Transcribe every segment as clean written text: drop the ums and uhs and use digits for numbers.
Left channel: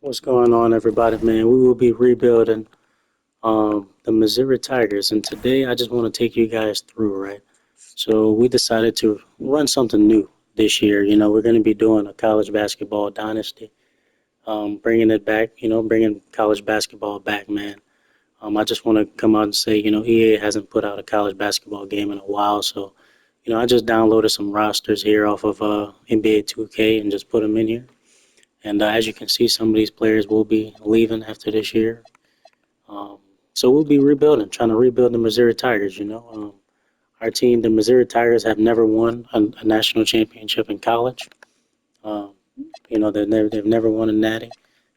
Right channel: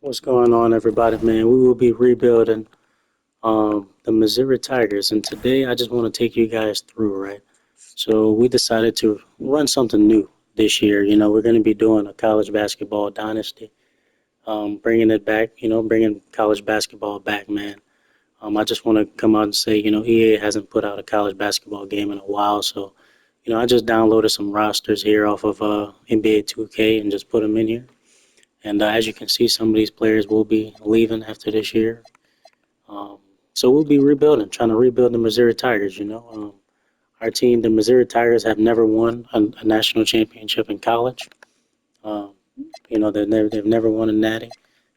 What's going on, everybody, man? We will be rebuilding the Missouri Tigers, and today I just want to take you guys through, right? So we decided to run something new this year. We're going to be doing a college basketball dynasty, bringing it back. Bringing college basketball back, man. I just want to come out and say, EA hasn't put out a college basketball game in a while, so I just downloaded some rosters here off of NBA 2K and just put them in here. And as you can see, some of these players will be leaving after this year. Um, so we'll be rebuilding, trying to rebuild the Missouri Tigers. Our team, the Missouri Tigers, have never won a national championship in college. Um, they've never won a natty.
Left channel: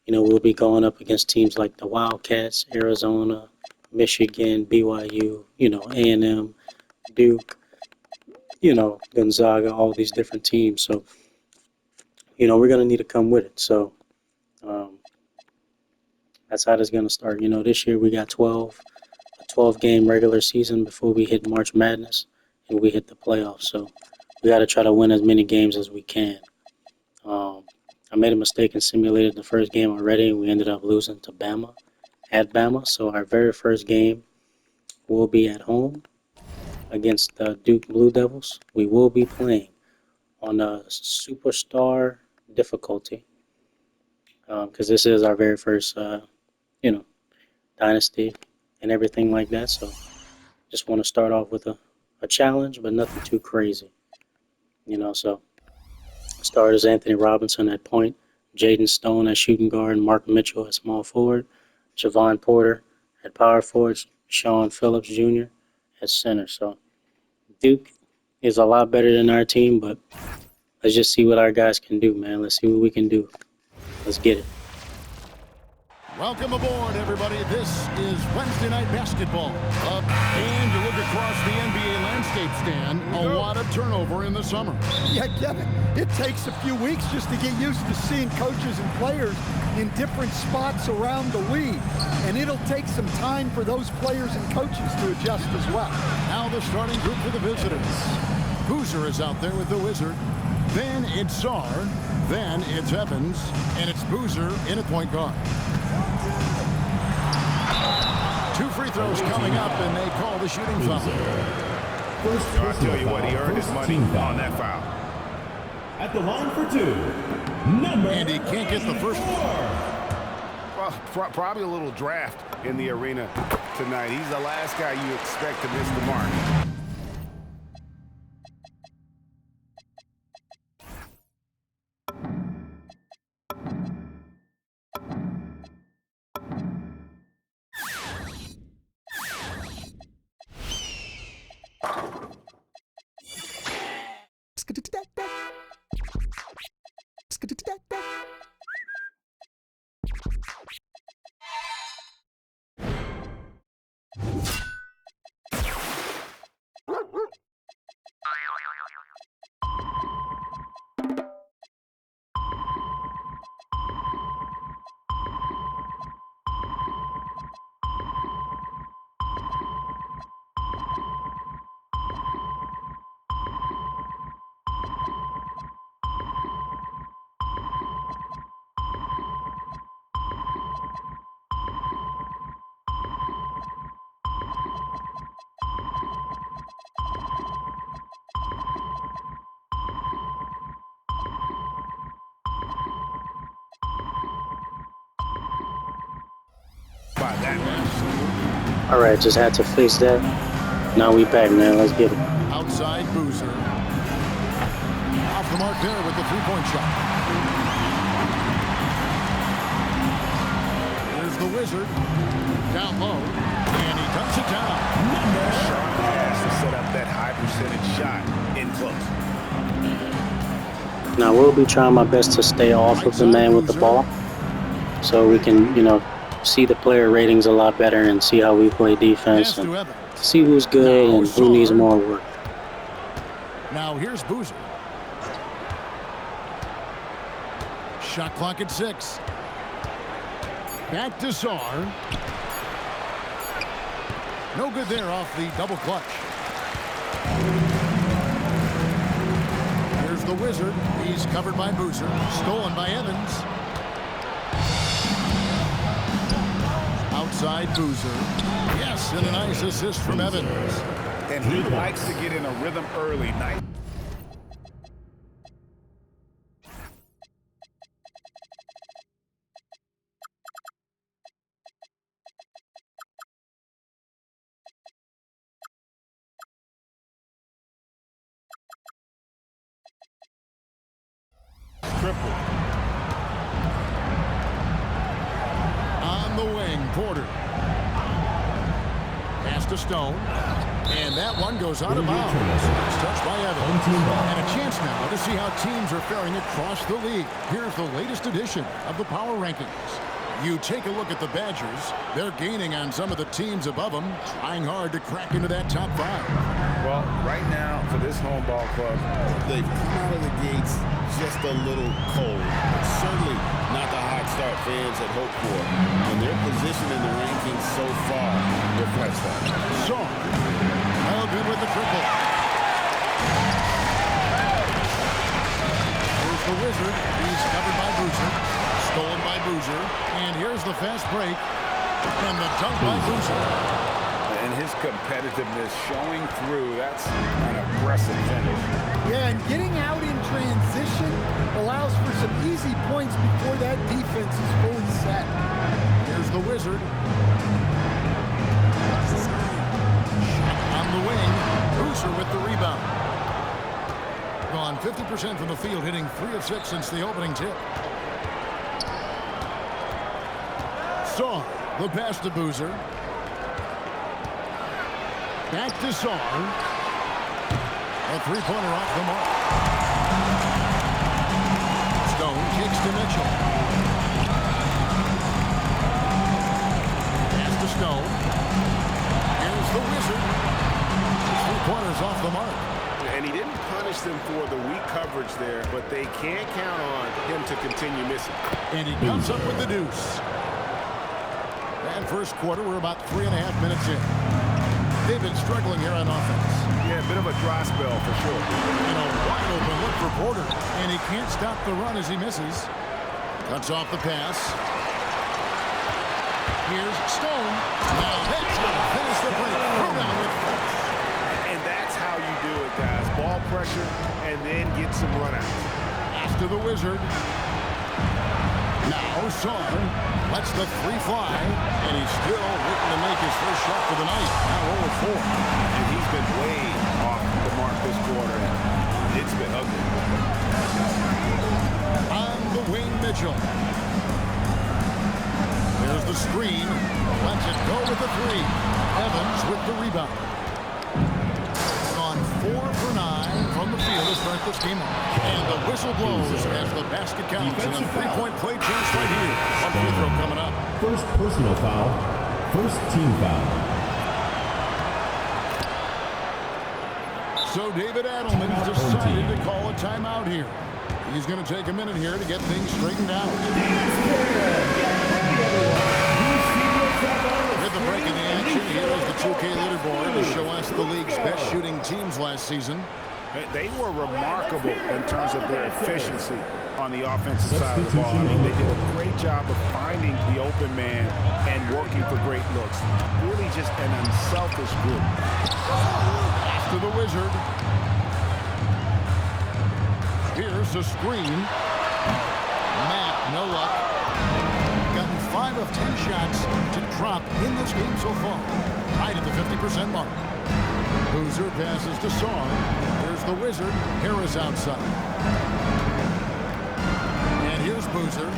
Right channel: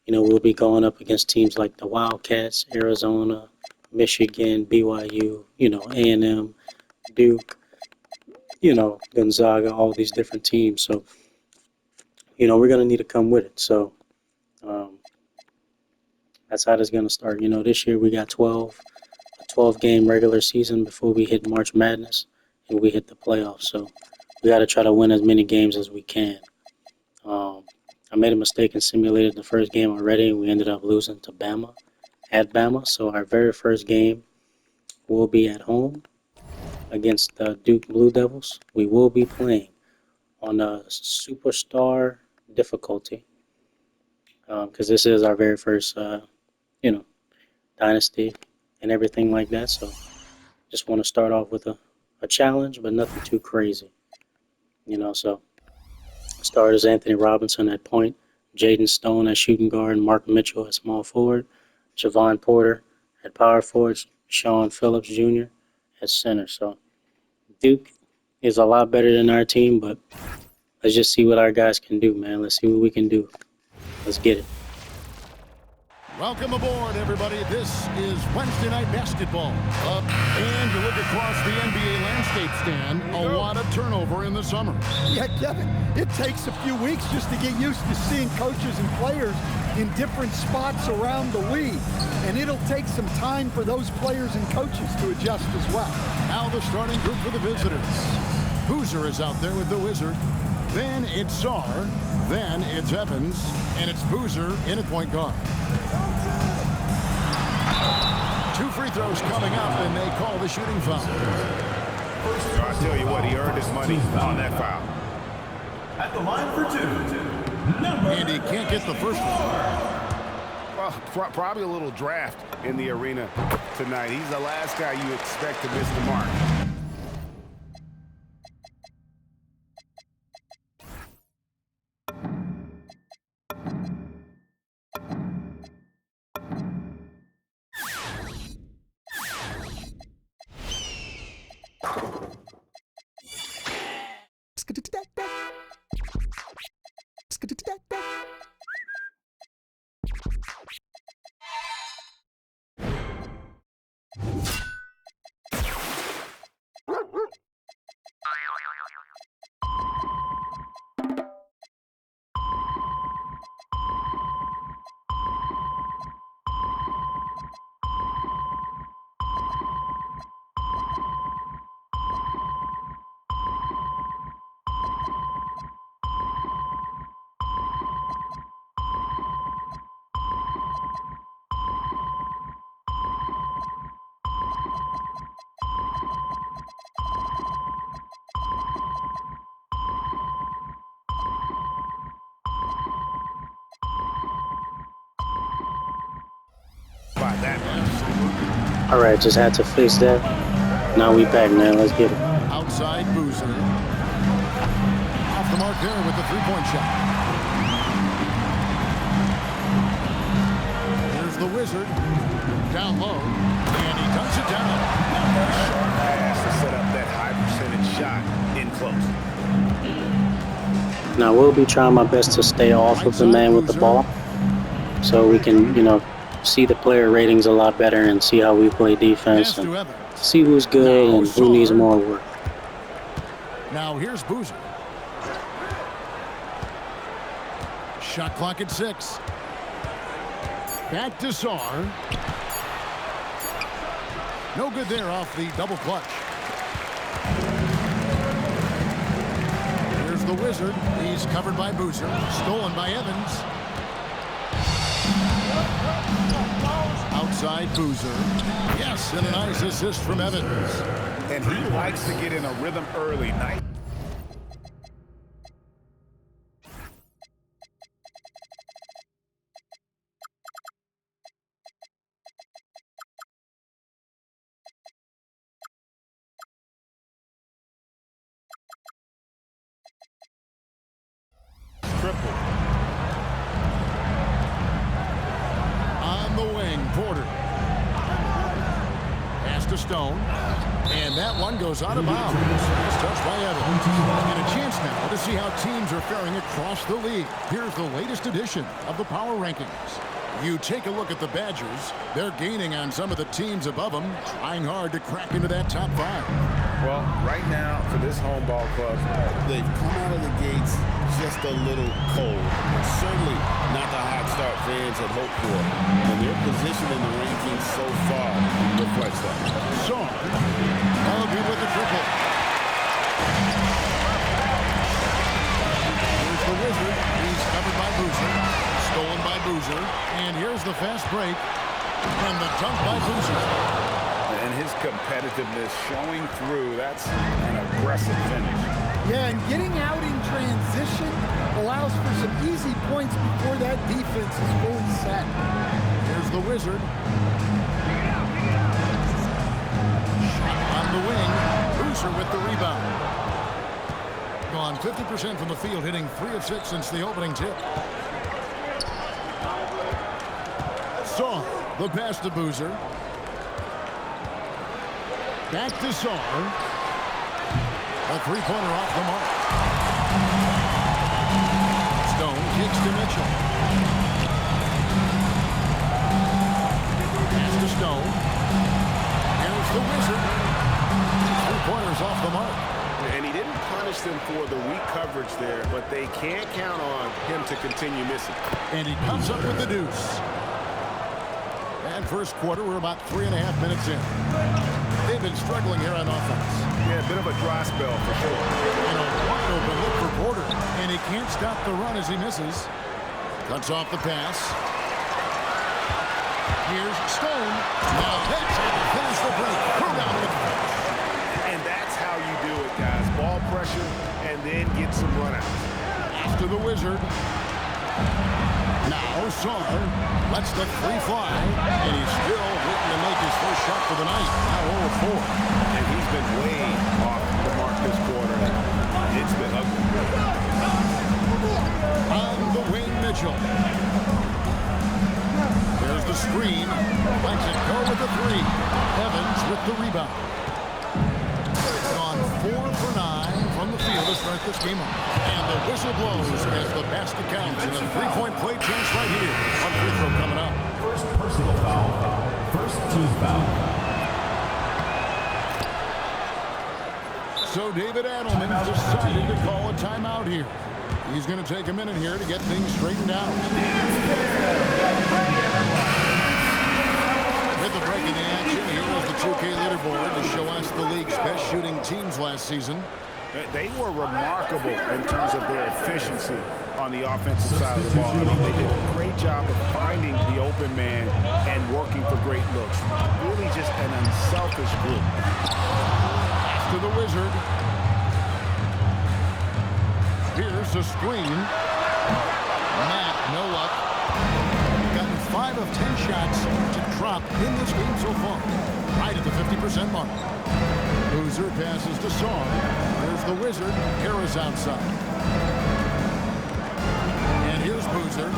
We'll be going up against teams like the Wildcats, Arizona, Michigan, BYU, A&M, Duke, Gonzaga, all these different teams. So, we're going to need to come with it. So, um, that's how it's going to start. This year we got 12 game regular season before we hit March Madness and we hit the playoffs. So we got to try to win as many games as we can. Um, I made a mistake and simulated the first game already, and we ended up losing to Bama at Bama. So our very first game will be at home against the Duke Blue Devils. We will be playing on a superstar difficulty because this is our very first, you know, dynasty and everything like that. So just want to start off with a challenge, but nothing too crazy. So starters Anthony Robinson at point, Jaden Stone at shooting guard, Mark Mitchell at small forward, Javon Porter at power forward, Sean Phillips Jr. at center. So Duke is a lot better than our team, but let's just see what our guys can do, man. Let's see what we can do. Let's get it. Welcome aboard, everybody. This is Wednesday Night Basketball. And you look across the NBA landscape, Stan, a lot of turnover in the summer. Yeah, Kevin, it takes a few weeks just to get used to seeing coaches and players in different spots around the league. And it'll take some time for those players and coaches to adjust as well. Now the starting group for the visitors. Boozer is out there with the Wizard. Then it's Czar. Then it's Evans. And it's Boozer in at point guard. Two free throws coming up, and they call the shooting foul. I tell you what, he earned his money on that foul. At the line for two, And he can't get the first one. Well, probably a little draft in the arena tonight. He's the last guy you expect to miss the mark. By that man. All right, just had to fix that. Now we back, man. Let's get it. Outside Boozer. Off the mark there with the three-point shot. Here's the Wizard. Down low. And he dunks it down. Sharp pass to set up that high percentage shot in close. Now we'll be trying my best to stay off of the man with the ball, so we can, see the player ratings a lot better and see how we play defense and see who's good and who needs more work. Now here's Boozer. Shot clock at 6. Back to Czar. No good there off the double clutch. Here's the Wizard. He's covered by Boozer. Stolen by Evans. outside Boozer. Yes, and a nice assist from Evans. And he likes to get in a rhythm early. Nice. Triple. On the wing, Porter. Pass to Stone. And that one goes out of bounds. Nice touch by Evans. And a chance now to see how teams are faring across the league. Here's the latest edition of the Power Rankings. You take a look at the Badgers. They're gaining on some of the teams above them, trying hard to crack into that top 5. Well, right now, for this home ball club, they've come out of the gates just a little cold. Certainly not the hot start fans had hoped for. And their position in the rankings so far reflects that. Song, well good with the triple. Here's the Wizard. He's covered by Boozer. Stolen by Boozer. And here's the fast break. And the dunk by Boozer. And his competitiveness showing through. That's an aggressive finish. Yeah, and getting out in transition allows for some easy points before that defense is fully set. Here's the Wizard. Shot on the wing. Boozer with the rebound. Gone 50% from the field, hitting 3 of 6 since the opening tip. Saw the pass to Boozer. Back to Saar. A three-pointer off the mark. Stone kicks to Mitchell. Pass to Stone. Here's the Wizard. 3-pointers off the mark. And he didn't punish them for the weak coverage there, but they can't count on him to continue missing. And he comes up with the deuce. And first quarter, we're about 3.5 minutes in. They've been struggling here on offense. Yeah, a bit of a dry spell for sure. And a wide open look for Porter. And he can't stop the run as he misses. Cuts off the pass. Here's Stone. Now that's how to finish the break. Throw down with force. And that's how you do it, guys. Ball pressure and then get some runouts. After the Wizard. Now Saar lets the 3 fly. And he's still waiting to make his first shot for the night. Now 0-4. And he's been way off the mark this quarter. And it's been ugly. On the wing, Mitchell. There's the screen. Lets it go with the 3. Evans with the rebound. Gone 4 for 9 from the field to start this game off. And the whistle blows as the basket counts. And a 3-point play chance right here. One free throw coming up. First personal foul. First team foul. So David Adelman's decided to call a timeout here. He's going to take a minute here to get things straightened out. With the break in the action, here is the 2K leaderboard to show us the league's best shooting teams last season. They were remarkable in terms of their efficiency on the offensive side of the ball. I mean, they did a great job of finding the open man and working for great looks. Really just an unselfish group. Pass to the Wizard. Here's the screen. Matt, no luck. Gotten 5 of 10 shots to drop in this game so far. Right at the 50% mark. Boozer passes to Saar. Here's the Wizard. Harris outside. And here's Boozer.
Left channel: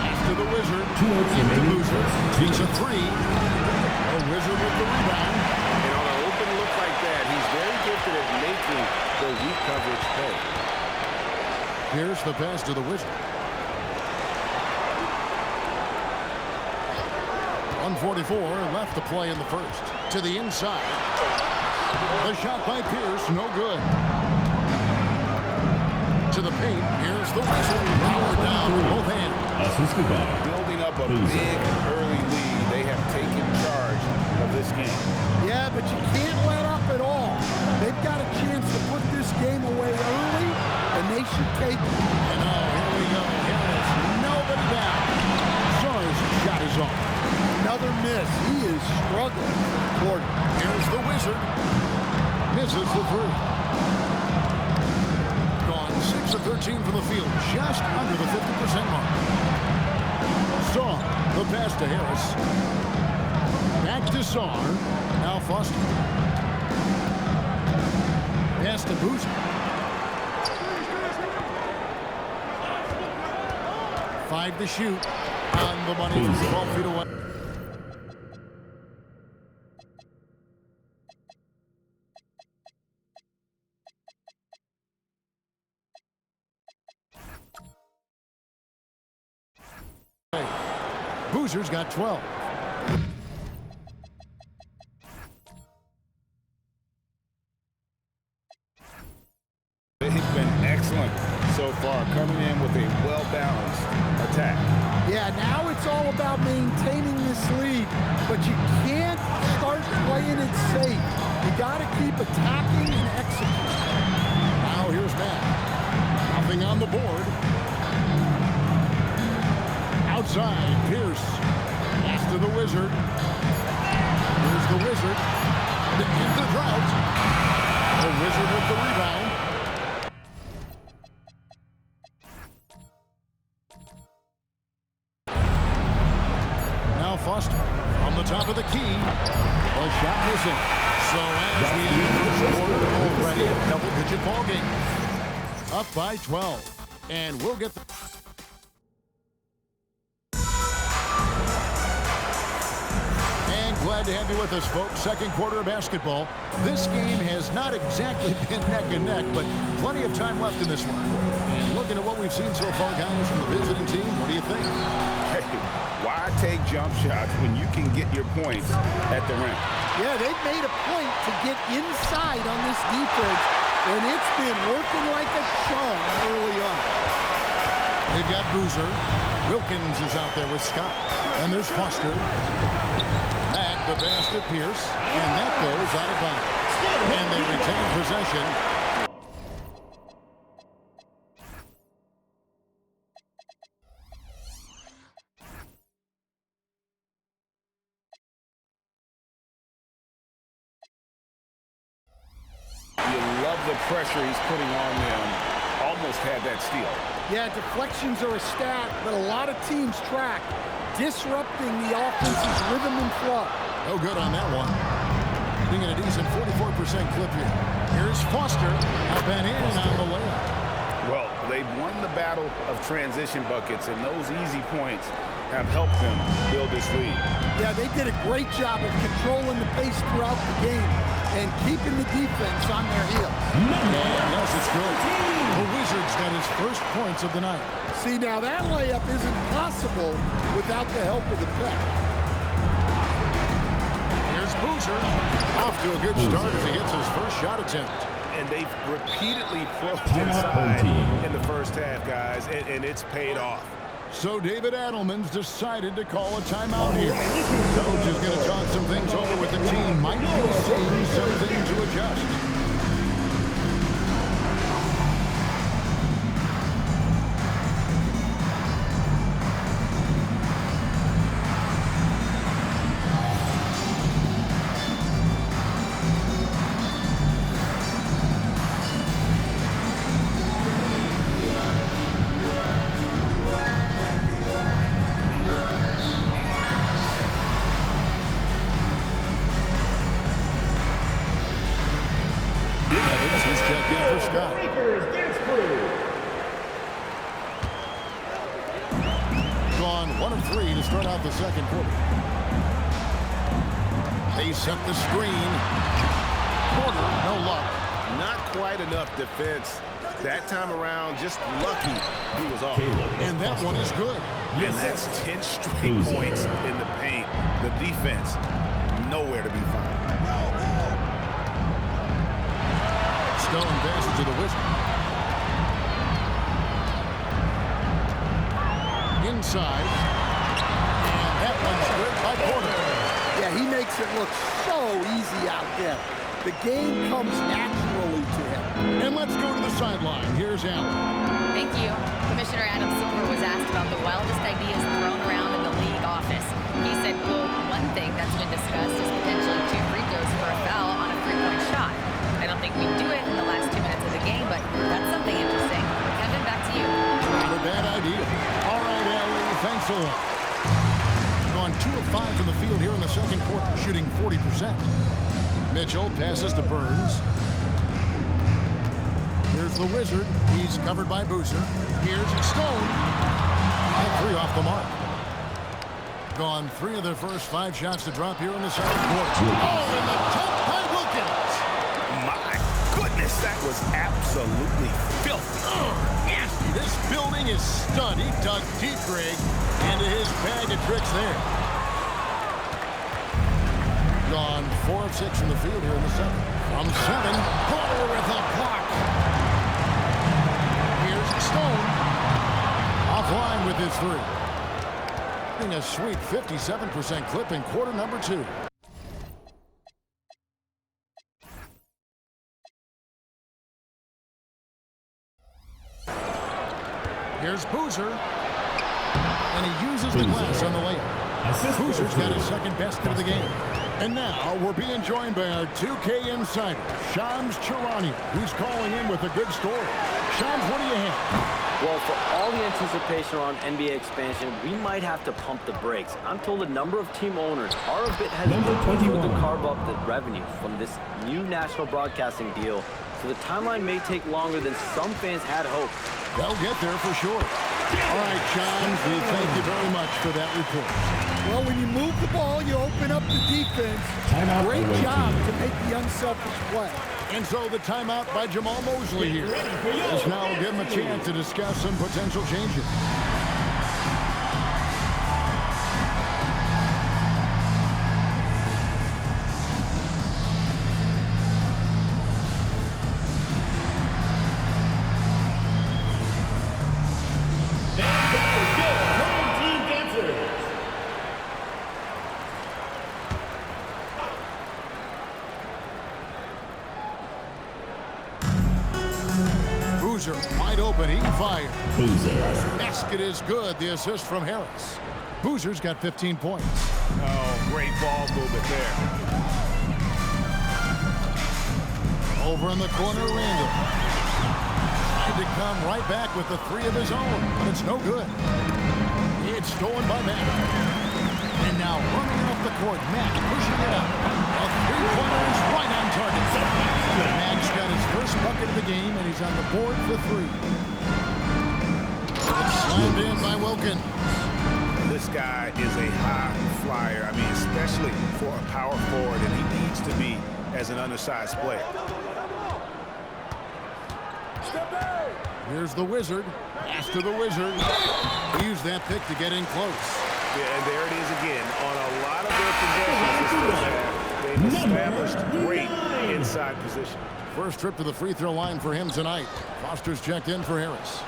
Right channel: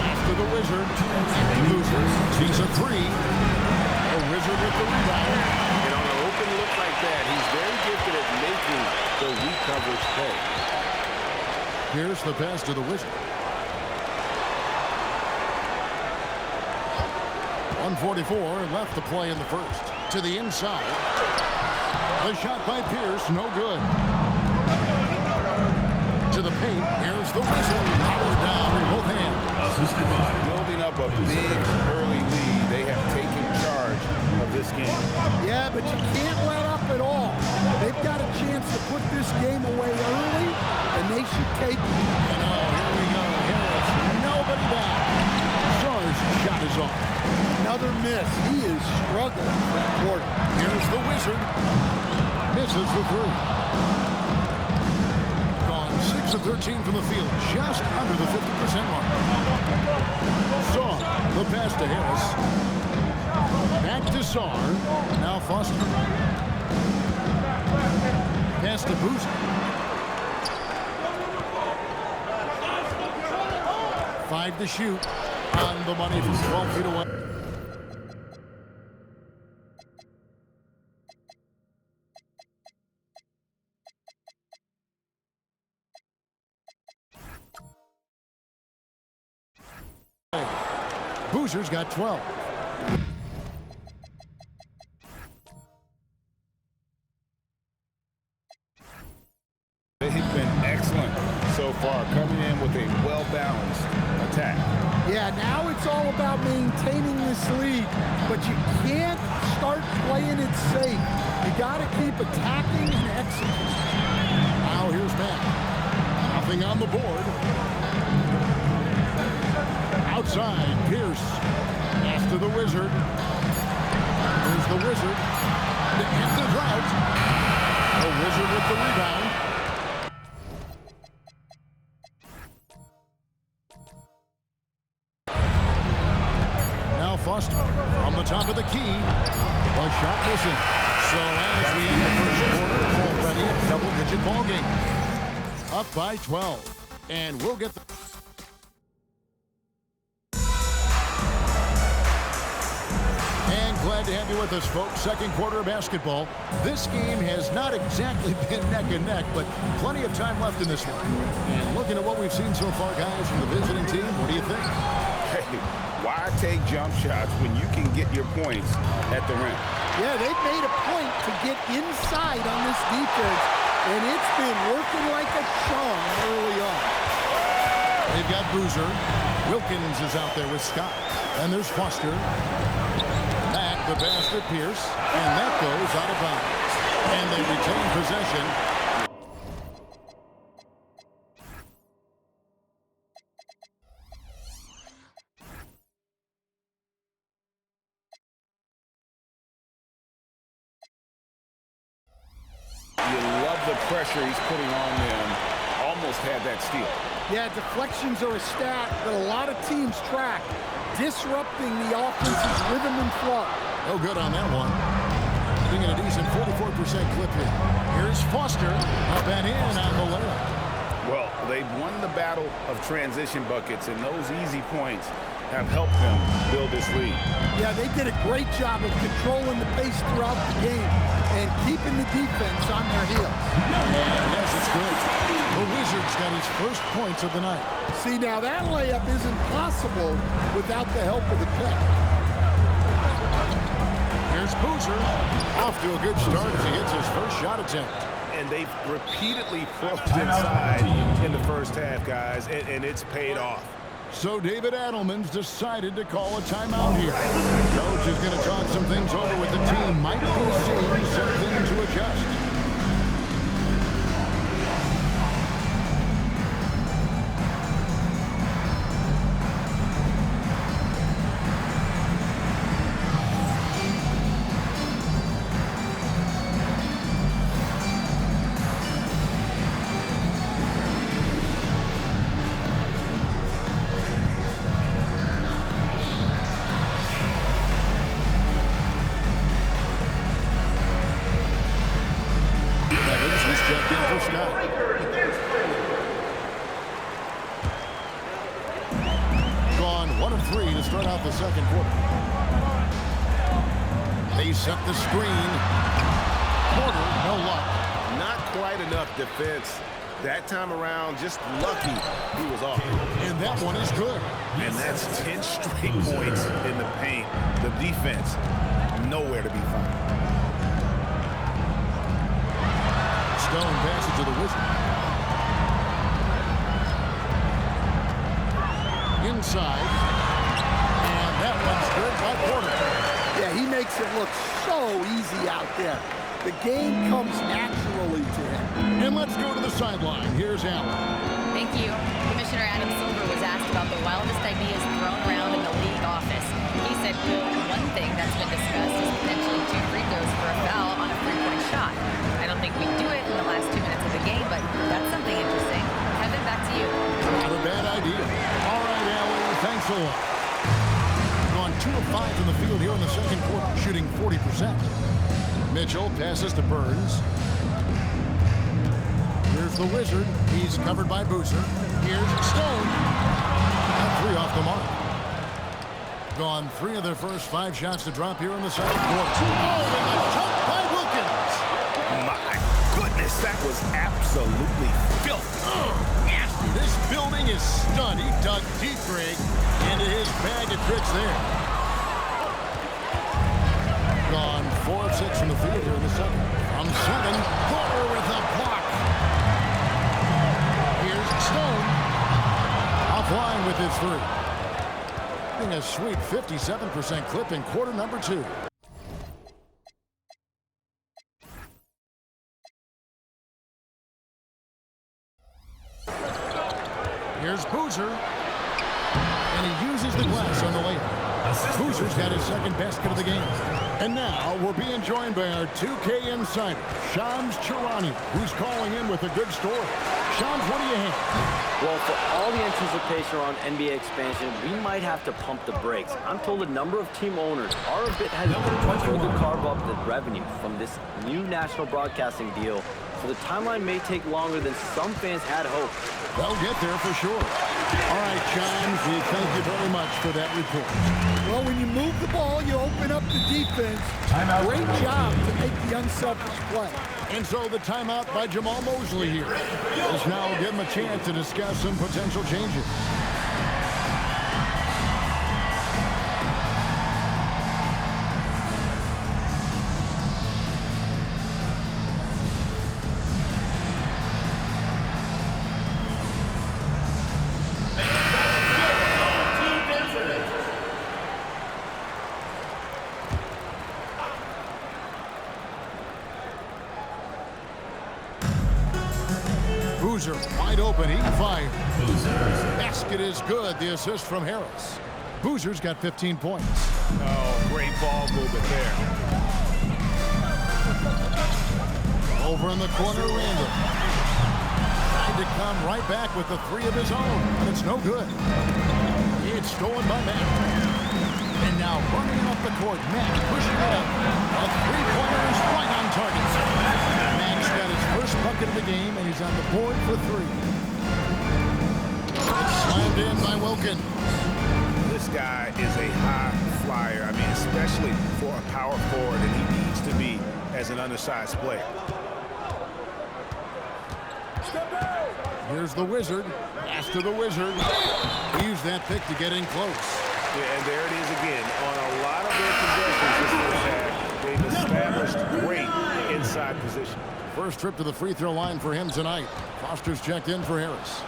Pass to the Wizard. Back to Boozer. Takes a 3. The Wizard with the rebound. And on an open look like that, he's very gifted at making the weak coverage pay. Here's the pass to the Wizard. 1:44 left to play in the first. To the inside. The shot by Pierce, no good. To the paint, here's the Wizard. Powered down with both hands. Assisted by Building up a big early lead, they have taken charge of this game. Yeah, but you can't let up at all. They've got a chance to put this game away early, and they should take it. And oh, here we go. Harris, nobody back. shot is off. Another miss. He is struggling for the quarter. Here's the Wizard. Misses the three. Gone 6 of 13 from the field, just under the 50% mark. Saw the pass to Harris. Back to Saar. Now Foster. Pass to Boozer. 5 to shoot. On the money from 12 feet away. Boozer's got 12. They've been excellent so far, coming in with a well-balanced attack. Yeah, now it's all about maintaining this lead, but you can't start playing it safe. You got to keep attacking and executing. Now here's Matt. Nothing on the board. Outside, Pierce. Pass to the Wizard. Here's the Wizard to end the drought. The Wizard with the rebound. Now Foster from the top of the key. The shot missing. So as we end the first quarter, already a double-digit ball game. Up by 12. And we'll get the... And glad to have you with us, folks. Second quarter of basketball. This game has not exactly been neck and neck, but plenty of time left in this one. And looking at what we've seen so far, guys, from the visiting team, what do you think? Hey, why take jump shots when you can get your points at the rim? Yeah, they've made a point to get inside on this defense, and it's been working like a charm early on. They've got Boozer. Wilkins is out there with Scott. And there's Foster. Back the pass to Pierce. And that goes out of bounds. And they retain possession. You love the pressure he's putting on them. Almost had that steal. Yeah, deflections are a stat that a lot of teams track, disrupting the offense's rhythm and flow. No good on that one. Being at a decent 44% clip here. Here's Foster. Up and in on the layup. Well, they've won the battle of transition buckets, and those easy points have helped them build this lead. Yeah, they did a great job of controlling the pace throughout the game and keeping the defense on their heels. And yes, it's good. The Wizards got his first points of the night. See, now that layup isn't possible without the help of the pick. Here's Boozer. Off to a good start as he hits his first shot attempt. And they've repeatedly probed inside in the first half, guys, and it's paid off. So David Adelman's decided to call a timeout here. Coach is going to talk some things over with the team. Might be seeing something to adjust. Evans, he's checked in for Scott. Gone 1 of 3 to start out the second quarter. They set the screen. Porter, no luck. Not quite enough defense that time around. Just lucky he was off. And that one is good. And that's 10 straight points in the paint. The defense, nowhere to be found. Stone passes to the Wizard. Inside. And that one's good by Porter. Yeah, he makes it look so easy out there. The game comes naturally to him. And let's go to the sideline. Here's Allen. Thank you. Commissioner Adam Silver was asked about the wildest ideas thrown around in the league office. He said, quote, one thing that's been discussed is potentially 2 free throws for a foul on a 3-point shot. I don't think we do it in the last 2 minutes of the game, but that's something interesting. Kevin, back to you. Not a bad idea. All right, Allie, thanks a lot. Gone 2 of 5 from the field here in the second quarter, shooting 40%. Mitchell passes to Burns. Here's the Wizard. He's covered by Boozer. Here's Stone. And 3 off the mark. Gone 3 of their first 5 shots to drop here in the second quarter. Oh, and the dunk by Wilkins. My goodness, that was absolutely filthy. Nasty. This building is stunned. He dug deep, Greg, into his bag of tricks there. Gone 4 of 6 from the field here in the second. From 7, Porter with a block. Here's Stone. Offline with his 3. Getting a sweet 57% clip in quarter number 2. Here's Boozer. And he uses the glass on the layup. Boozer's got his second basket of the game. And now we're being joined by our 2K insider, Shams Charania, who's calling in with a good story. Shams, what do you have? Well, for all the anticipation around NBA expansion, we might have to pump the brakes. I'm told a number of team owners are a bit hesitant to carve up the revenue from this new national broadcasting deal, so the timeline may take longer than some fans had hoped. They'll get there for sure. All right, Shams, we thank you very much for that report. Well, when you move the ball, you open up the defense. Timeout. Great job to make the unselfish play. And so the timeout by Jamal Mosley here. This now will give him a chance to discuss some potential changes. Boozer wide open, he fired. Boozer. Basket is good, the assist from Harris. Boozer's got 15 points. Oh, great ball movement there. Over in the corner, Randall. Tried to come right back with the 3 of his own, but it's no good. It's stolen by Matt. And now running it up the court, Matt pushing it up. A 3-pointer is right on target. Max got his first bucket of the game, and he's on the board for 3. It's slammed in by Wilkins. This guy is a high flyer. I mean, especially for a power forward, and he needs to be as an undersized player. Here's the Wizard. Pass to the Wizard. He used that pick to get in close. Yeah, and there it is again. On a lot of their possessions this first half, they've established great inside position. First trip to the free throw line for him tonight. Foster's checked in for Harris.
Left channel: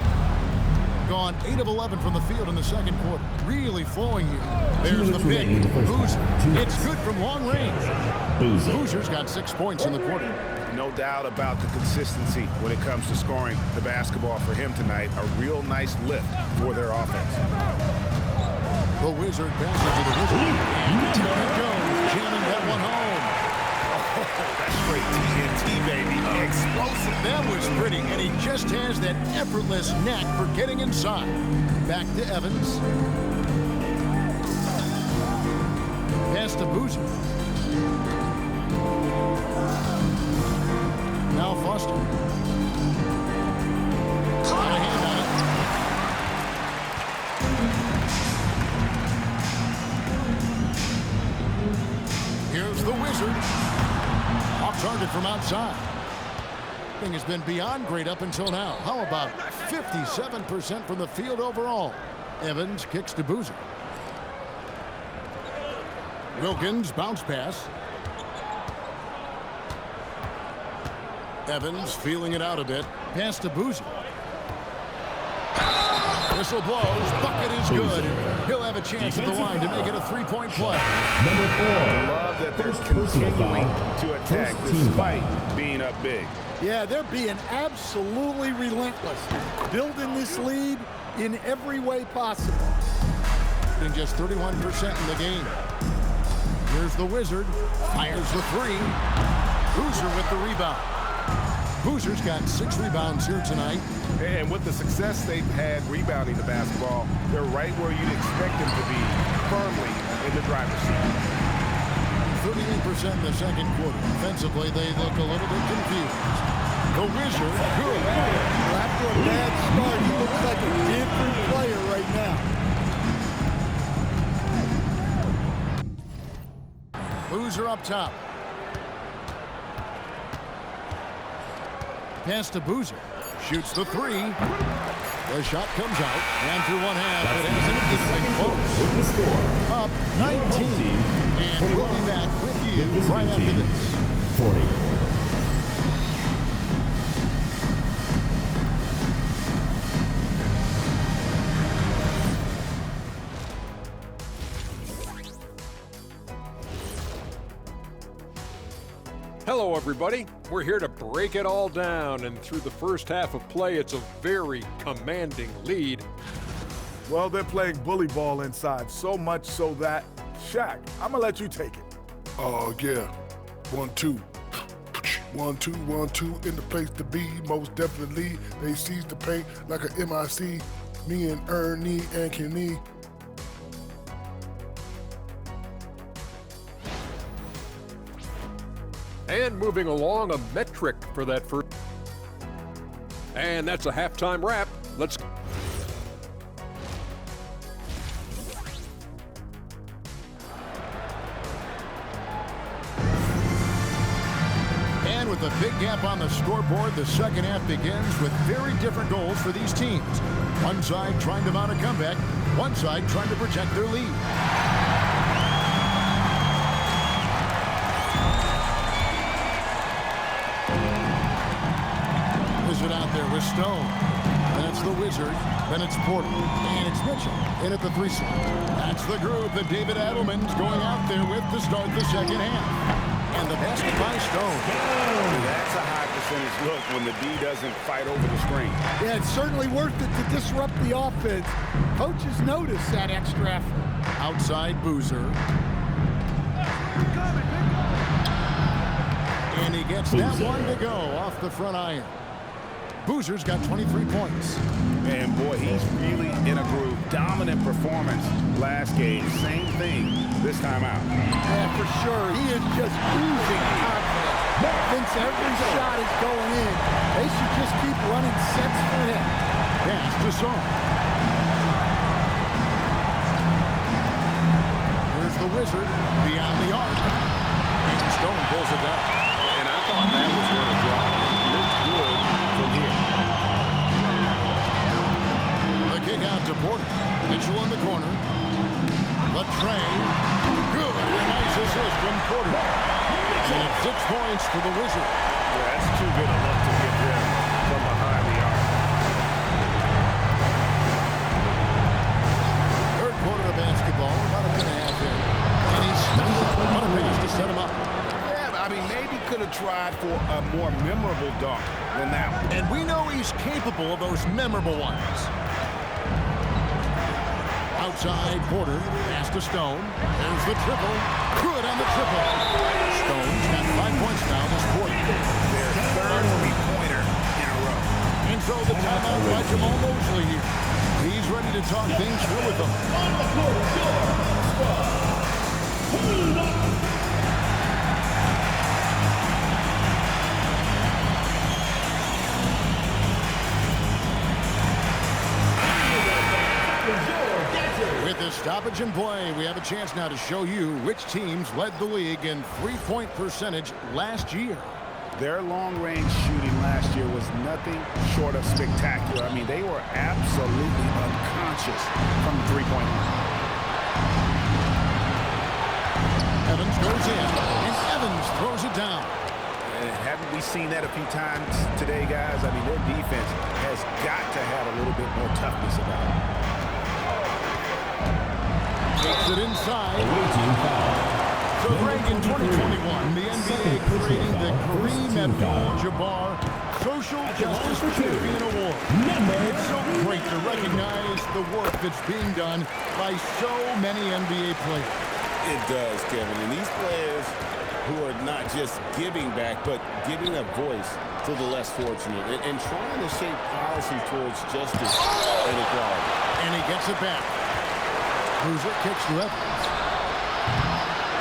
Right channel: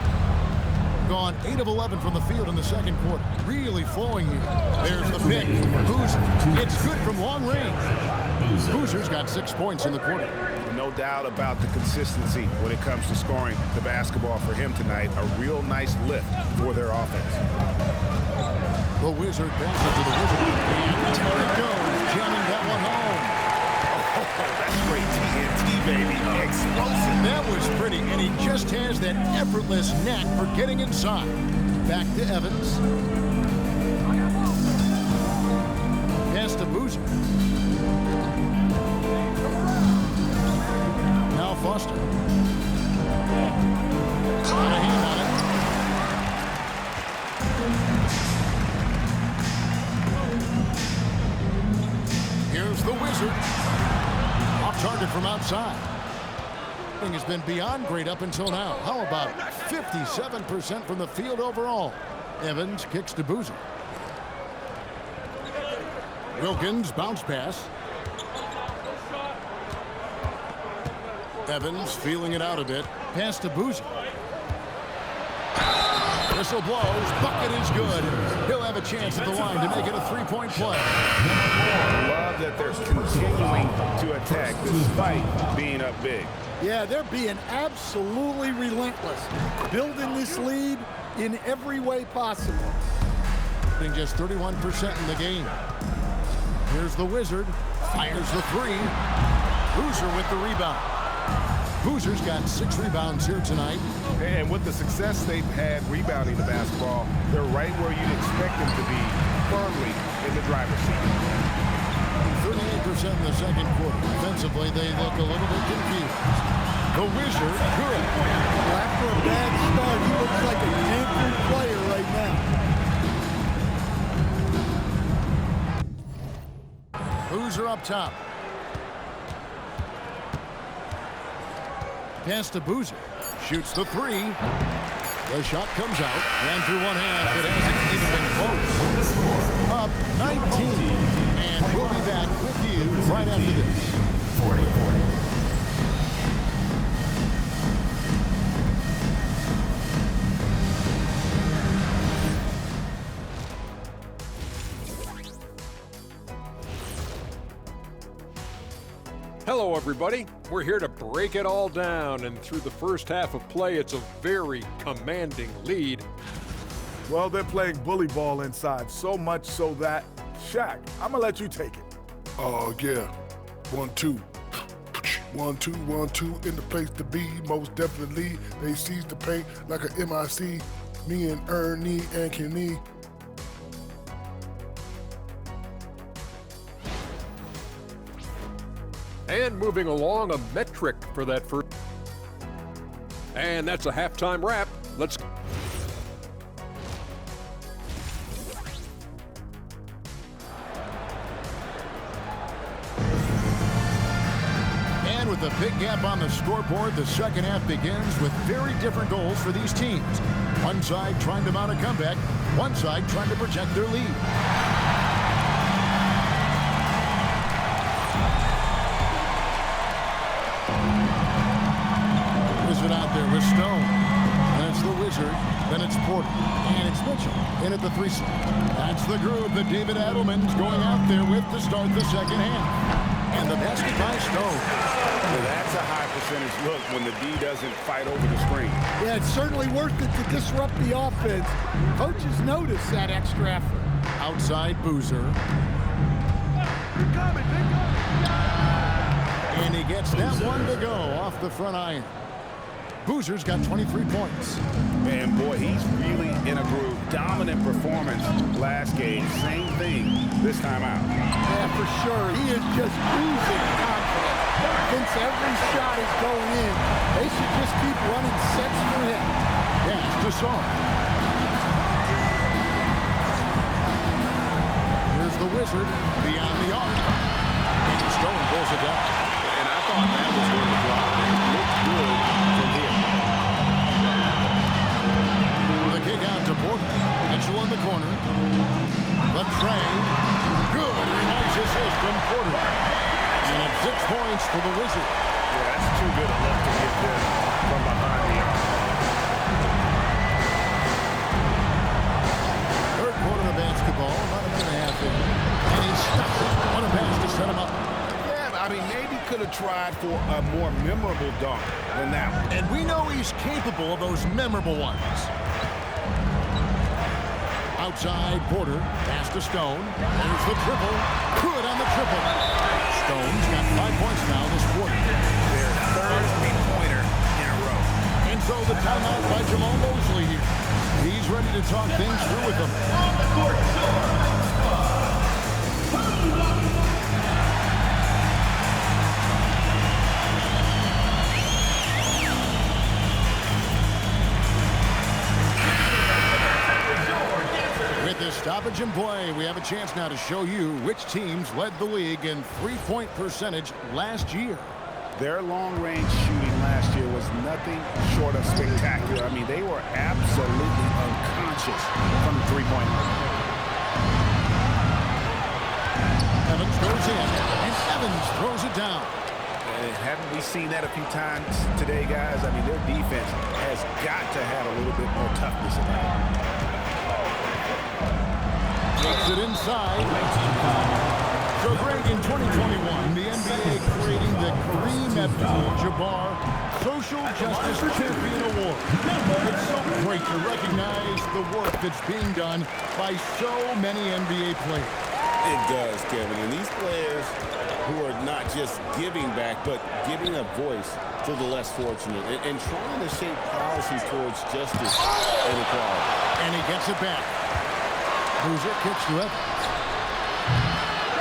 Gone 8 of 11 from the field in the second quarter. Really flowing here. There's the pick. Boozer. It's good from long range. Boozer's got 6 points in the quarter. No doubt about the consistency when it comes to scoring the basketball for him tonight. A real nice lift for their offense. The Wizard passes to the Wizard. And down it goes, jamming that one home. Oh, that's straight TNT, baby. Explosive. That was pretty, and he just has that effortless knack for getting inside. Back to Evans. Pass to Boozer. Now Foster. Got a hand on it. Here's the Wizard. Off target from outside. Thing has been beyond great up until now. How about 57% from the field overall? Evans kicks to Boozer. Wilkins bounce pass. Evans feeling it out a bit. Pass to Boozer. Whistle blows. Bucket is good. He'll have a chance at the line to make it a 3-point play. Love that they're continuing to attack despite being up big. Yeah, they're being absolutely relentless, building this lead in every way possible. Just 31% in the game. Here's the Wizard, fires the three. Boozer with the rebound. Boozer's got 6 rebounds here tonight. And with the success they've had rebounding the basketball, they're right where you'd expect them to be, firmly in the driver's seat. 38% in the second quarter. Defensively, they look a little bit confused. The Wizard, good. Well, after a bad start, he looks like a different player right now. Boozer up top. Pass to Boozer. Shoots the three. The shot comes out. And through one half, it hasn't even been close. Up 19. And we'll be back with you right after this. 40. Hello, everybody. We're here to break it all down, and through the first half of play, it's a very commanding lead. Well, they're playing bully ball inside, so much so that, Shaq, I'm gonna let you take it. Oh, yeah. 1-2. 1-2, 1-2 in the place to be. Most definitely, they seize the paint like a MIC. Me and Ernie and Kenny. And moving along, a metric for that first. And that's a halftime wrap. Let's. And with a big gap on the scoreboard, the second half begins with very different goals for these teams. One side trying to mount a comeback, one side trying to protect their lead. Wizard out there with Stone. Then it's the Wizard. Then it's Porter. And it's Mitchell in at the 3 slot. That's the group that David Adelman's going out there with to start the second half. And the basket by Stone. Now that's a high percentage look when the D doesn't fight over the screen. Yeah, it's certainly worth it to disrupt the offense. Coaches notice that extra effort. Outside Boozer. And he gets that one to go off the front iron. Boozer's got 23 points. And boy, he's really in a groove. Dominant performance last game. Same thing this time out. Yeah, for sure. He is just oozing confidence. Since every shot is going in, they should just keep running sets for him. Pass to Song. Here's the Wizard beyond the arc. And Stone pulls it down. And I thought that was going to drop. It looked good from here. The kick out to Porter. Mitchell in the corner. The tray. Good. And a nice assist from Porter. And it's 6 points for the Wizard. Yeah, that's too good a look to give them from behind the arc. Third quarter of basketball, about a minute and a half in. And he stuns it. What a pass to set him up. Yeah, I mean, maybe could have tried for a more memorable dunk than that one. And we know he's capable of those memorable ones. Outside, Porter, pass to Stone. There's the triple. Good on the triple. Stone's got 5 points now this quarter. Their third three-pointer in a row. And so the timeout by Jamal Mosley here. He's ready to talk things through with them. On the court, With the stoppage in play, we have a chance now to show you which teams led the league in three-point percentage last year. Their long-range shooting last year was nothing short of spectacular. I mean, they were absolutely unconscious from the three-point line. Evans goes in, and Evans throws it down. Haven't we seen that a few times today, guys? I mean, their defense has got to have a little bit more toughness about it. Takes it inside. Away team foul. So, Greg, in 2021, the NBA creating the Kareem Abdul-Jabbar Social Justice Champion Award. It's so great to recognize the work that's being done by so many NBA players. It does, Kevin. And these players who are not just giving back, but giving a voice to the less fortunate and trying to shape policies towards justice and equality. And he gets it back. Boozer kicks to Evans.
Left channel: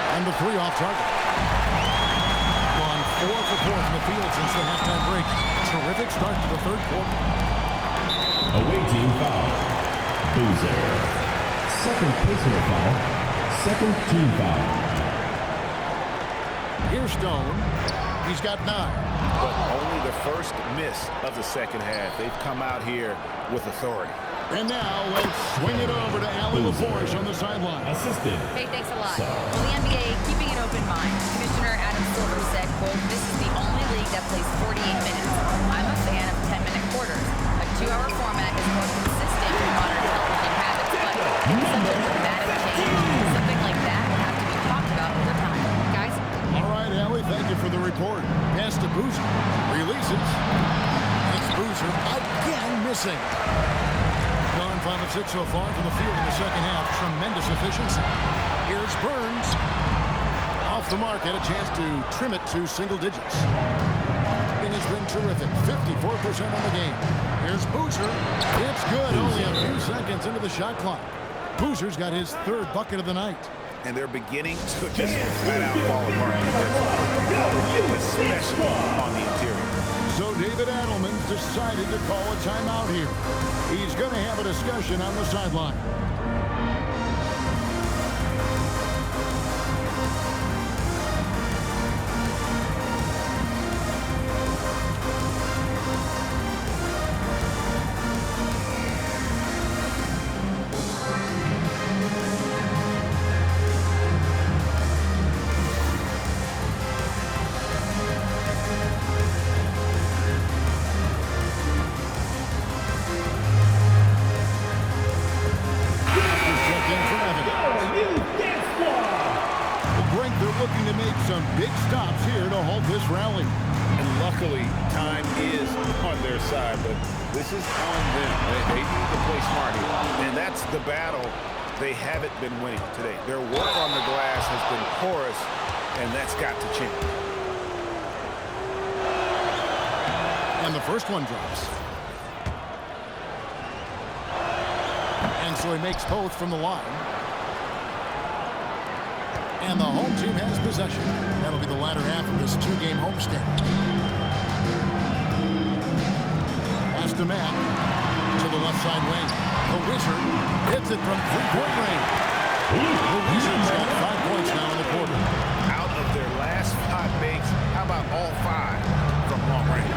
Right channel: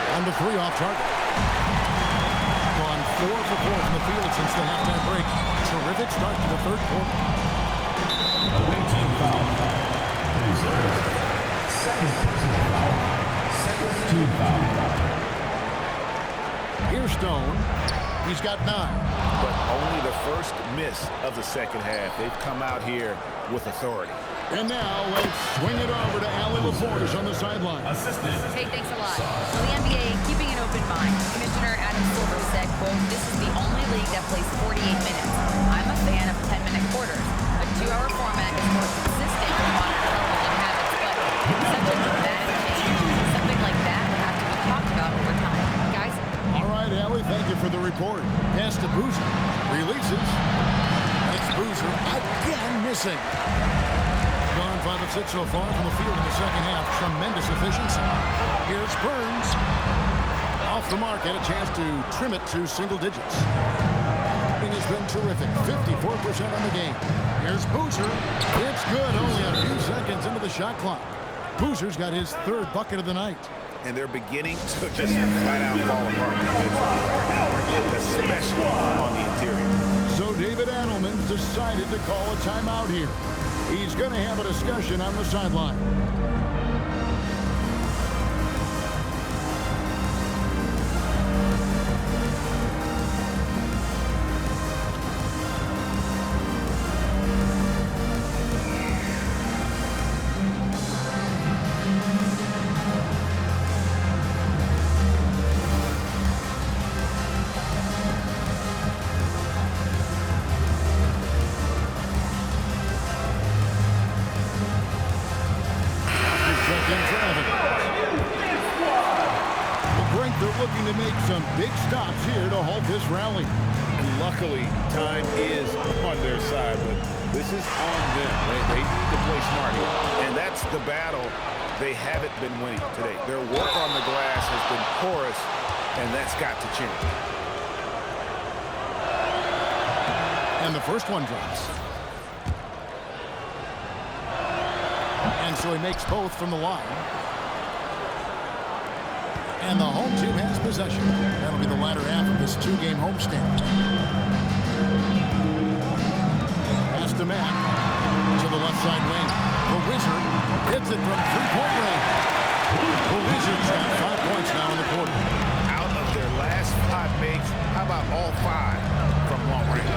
And the 3 off target. Gone 4 for 4 from the field since the halftime break. Terrific start to the third quarter. Away team foul. Boozer. Second personal foul. Second team foul. Here's Stone. He's got 9. But only the first miss of the second half. They've come out here with authority. And now let's swing it over to Allie LaForge on the sideline. Assistant. Hey, thanks a lot. Well, the NBA keeping an open mind. Commissioner Adam Silver said, quote, "This is the only league that plays 48 minutes. I'm a fan of 10-minute quarters. A 2-hour format is more consistent with modern television habits, but it's such a dramatic change. Something like that would have to be talked about over time. Guys?" All right, Allie, thank you for the report. Pass to Boozer. Releases. It's Boozer again missing. Gone 5 of 6 so far from the field in the second half. Tremendous efficiency. Here's Burns. Off the mark, had a chance to trim it to single digits. It has been terrific. 54% on the game. Here's Boozer. It's good. Only a few seconds into the shot clock. Boozer's got his 3rd bucket of the night. And they're beginning to just flat out fall apart defensively, especially on the interior. So David Adelman's decided to call a timeout here. He's going to have a discussion on the sideline. They're looking to make some big stops here to halt this rally. And luckily, time is on their side, but this is on them. They need to play smart here. And that's the battle they haven't been winning today. Their work on the glass has been porous, and that's got to change. And the first one drops. And so he makes both from the line. And the home team has possession. That'll be the latter half of this 2-game homestand. Pass to Matt. To the left side wing. The Wizard hits it from 3-point range. The Wizards got 5 points now in the quarter. Out of their last 5 makes, how about all 5 from long range?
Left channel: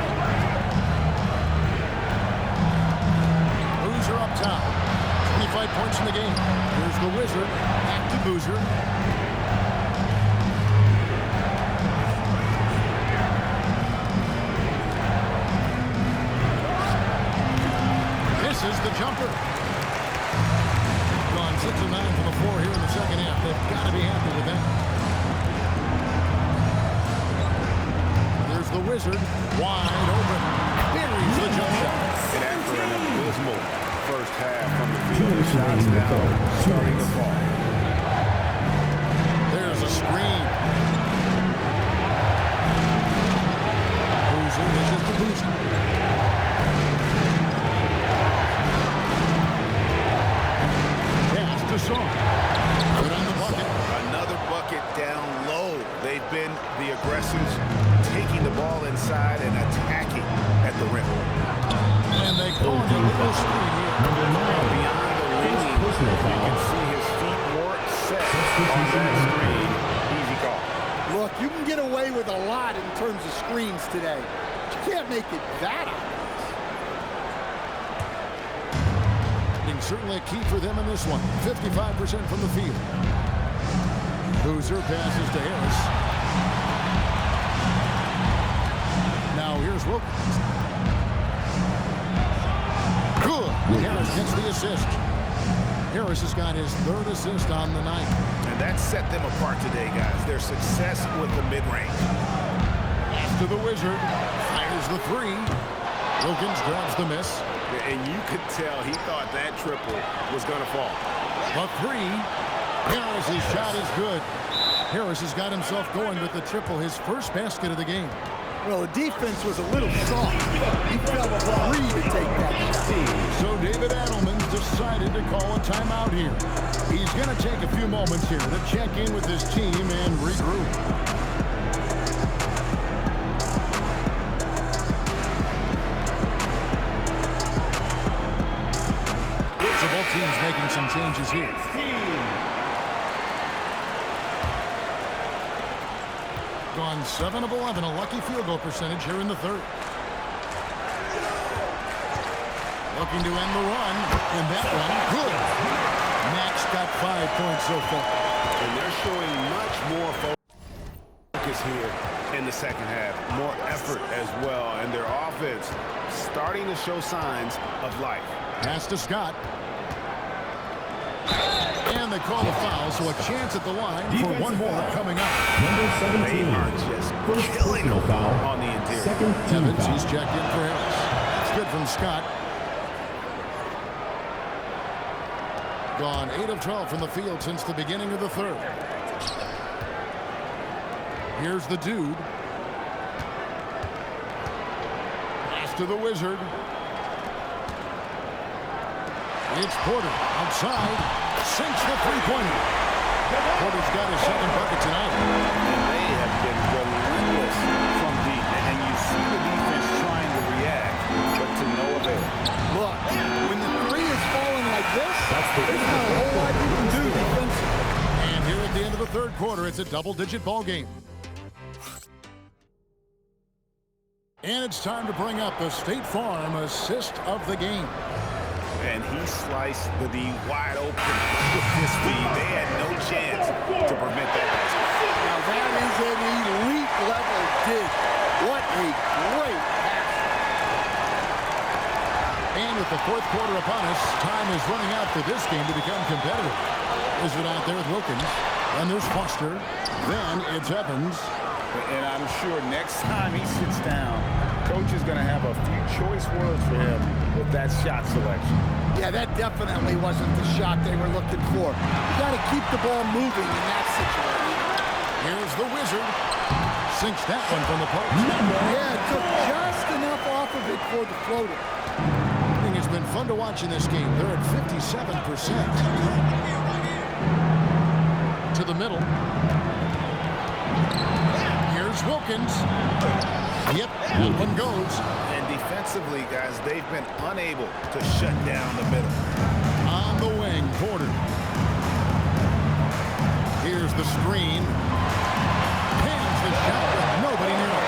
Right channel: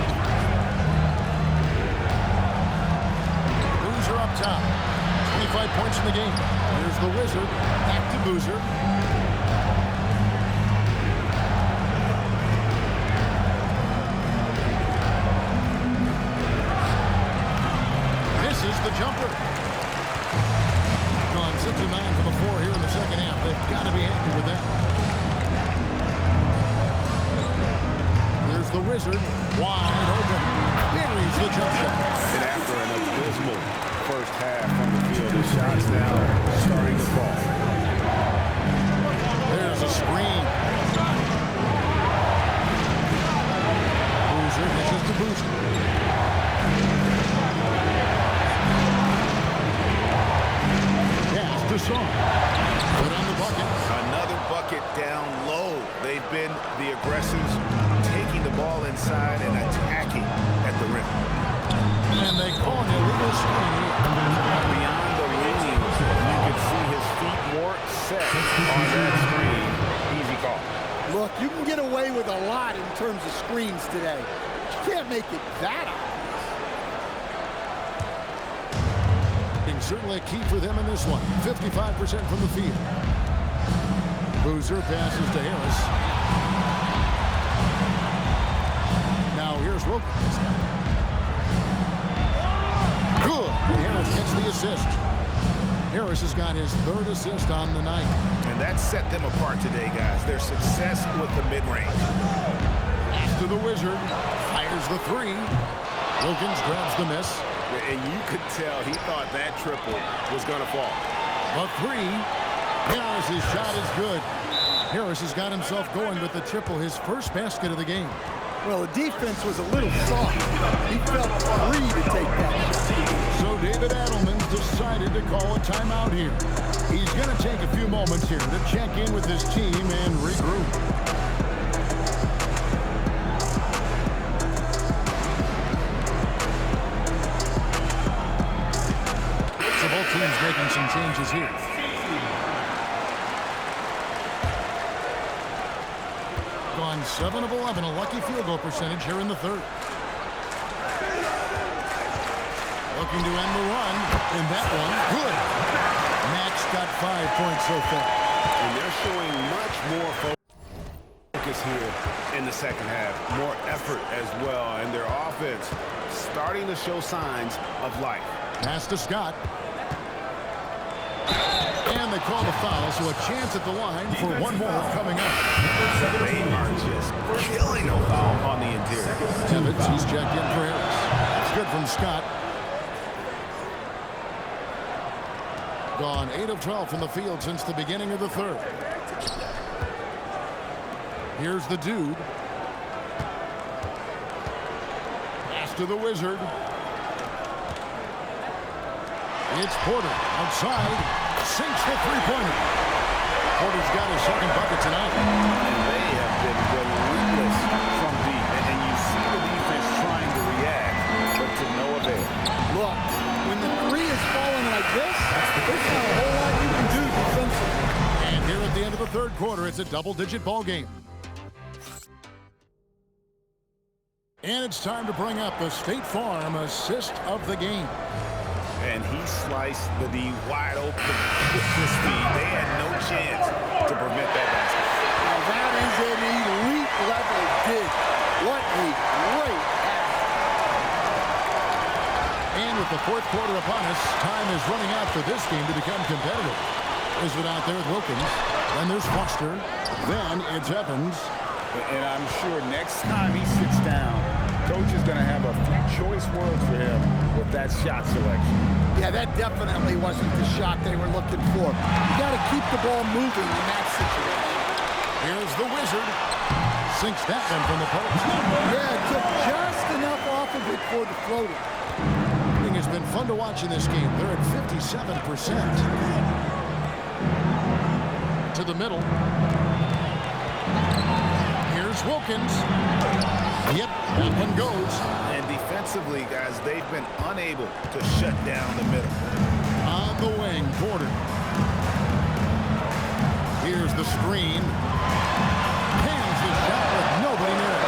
Boozer up top. 25 points in the game. Here's the Wizard. Back to Boozer. This is the jumper. Gone 6 of 9 from the floor here in the second half. They've got to be happy with that. There's the Wizard. Wide open. Buries the jump shot. And after an abysmal first half from the field, his shots now starting to fall. There's a screen. Boozer dishes to Boozer. Pass to Song. Put on the bucket. Another bucket down low. They've been the aggressors, taking the ball inside and attacking at the rim. And they call an illegal screen here. Beyond the leaning, you can see his feet more set on that screen. Easy call. Look, you can get away with a lot in terms of screens today. But you can't make it that obvious. Certainly a key for them in this one. 55% from the field. Boozer passes to Harris. Now here's Wilkins. Good. And Harris gets the assist. Harris has got his 3rd assist on the night. And that set them apart today, guys. Their success with the mid-range. Pass to the Wizard. Fires the 3. Wilkins grabs the miss. And you could tell he thought that triple was going to fall. The 3. Harris's shot is good. Harris has got himself going with the triple, his first basket of the game. Well, the defense was a little soft. He felt free to take that shot. So David Adelman's decided to call a timeout here. He's going to take a few moments here to check in with his team and regroup. So both teams making some changes here. Gone 7 of 11, a lucky field goal percentage here in the 3rd. Looking to end the run, and that one, good. Max got 5 points so far. And they're showing much more focus here in the second half. More effort as well, and their offense starting to show signs of life. Pass to Scott. And they call the foul, so a chance at the line for one more coming up. They are just killing them on the interior. Evans, he's checked in for Harris. That's good from Scott. Gone 8 of 12 from the field since the beginning of the 3rd. Here's the dude. Pass to the Wizard. It's Porter outside. Sinks the 3-pointer. Porter's got his 2nd bucket tonight. And they have been relentless from deep. And you see the defense trying to react, but to no avail. Look, when the 3 is falling like this, there's not a whole lot you can do defensively. And here at the end of the 3rd quarter, it's a double-digit ball game. And it's time to bring up the State Farm assist of the game. And he sliced the D wide open with his speed. They had no chance to prevent that basket. Now that is an elite level dig. What a great pass. And with the 4th quarter upon us, time is running out for this game to become competitive. Is it out there with Wilkins? Then there's Foster. Then it's Evans. And I'm sure next time he sits down, Coach is going to have a few choice words for him with that shot selection. Yeah, that definitely wasn't the shot they were looking for. You got to keep the ball moving in that situation. Here's the Wizard. Sinks that one from the post. Yeah, it took just enough off of it for the floater. It's been fun to watch in this game. They're at 57%. To the middle. Here's Wilkins. Yep, that one goes. And defensively, guys, they've been unable to shut down the middle. On the wing, Porter. Here's the screen. Hands the shot with nobody near him.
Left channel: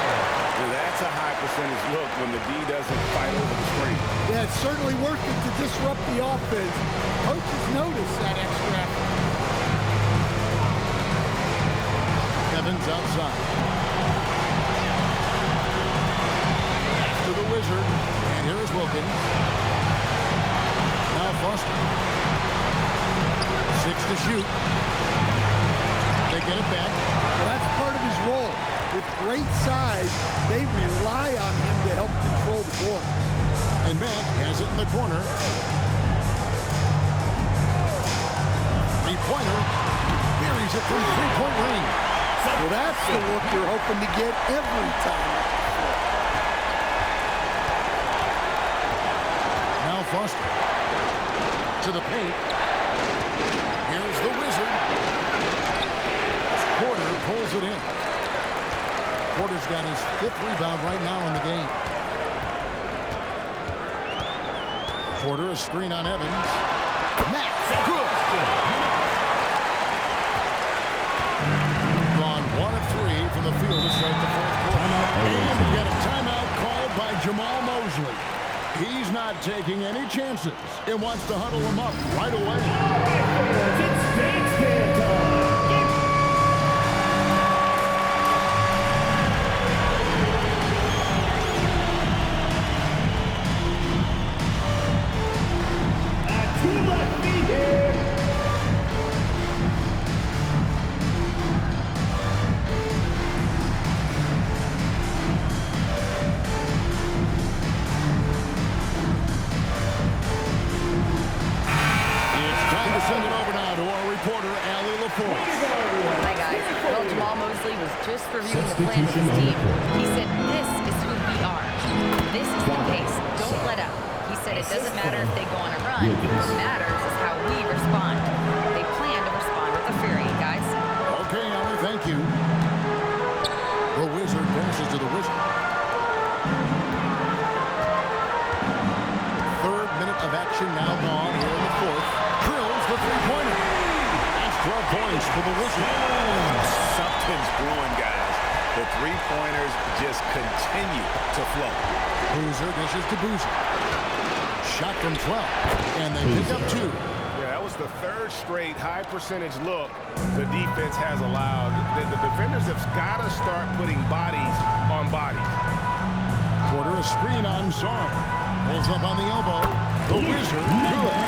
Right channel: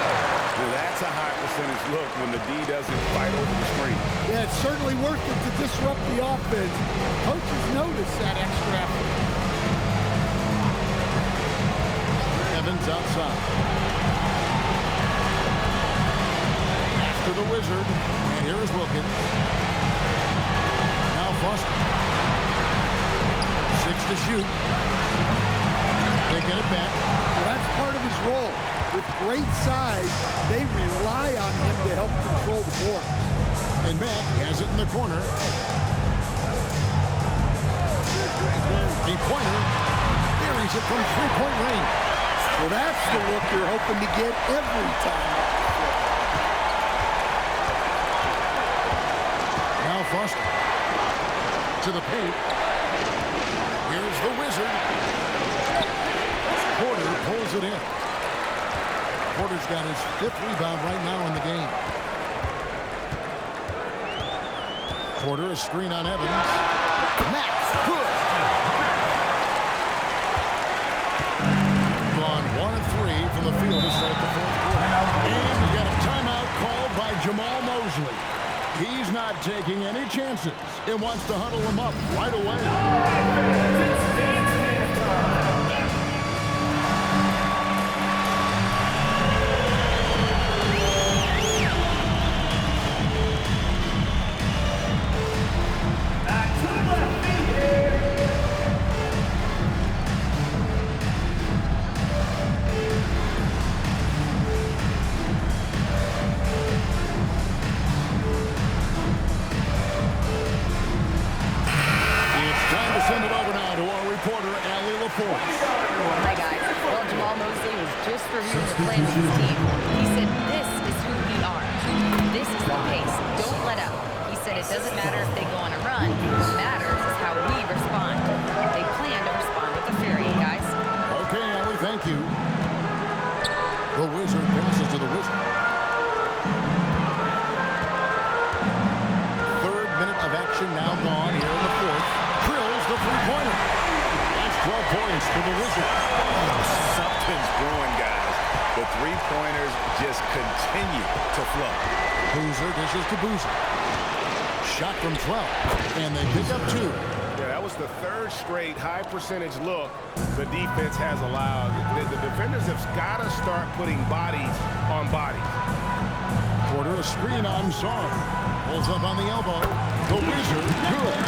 Well, that's a high percentage look when the D doesn't fight over the screen. Yeah, it's certainly worth it to disrupt the offense. Coaches notice that extra effort. Evans outside. To the Wizard, and here is Wilkins. Now Foster. 6 to shoot. They get it back. Well, that's part of his role. With great size, they rely on him to help control the board. And Mack has it in the corner. 3-pointer. Buries it from 3-point range. Well, that's the look you're hoping to get every time. Now Foster. To the paint. Here's the Wizard. Porter pulls it in. Porter's got his 5th rebound right now in the game. Porter, a screen on Evans. Max, good. Gone 1 of 3 from the field to start the 4th quarter. And we've got a timeout called by Jamal Mosley. He's not taking any chances and wants to huddle him up right away. To my feet here. Time to send it over now to our reporter, Allie LaForce. Hi, guys. Well, Jamal Mosley was just reviewing the plan with his team. He said, this is who we are. This is the pace. Don't let up. He said it doesn't matter if they go on a run. What matters is how we respond. They plan to respond with a fury, guys. Okay, Allie, thank you. The Wizard passes to the Wizard. Third minute of action now gone here in the fourth. Drills the three-pointer. That's 12 points for the Wizard. Something's brewing, guys. The three-pointers just continue to flow. Boozer dishes to Boozer. Shot from 12, and they pick up 2. Yeah, that was the third straight high-percentage look the defense has allowed. The defenders have got to start putting bodies on bodies. Porter a screen on Zara. Pulls up on the elbow. The Wizard, good.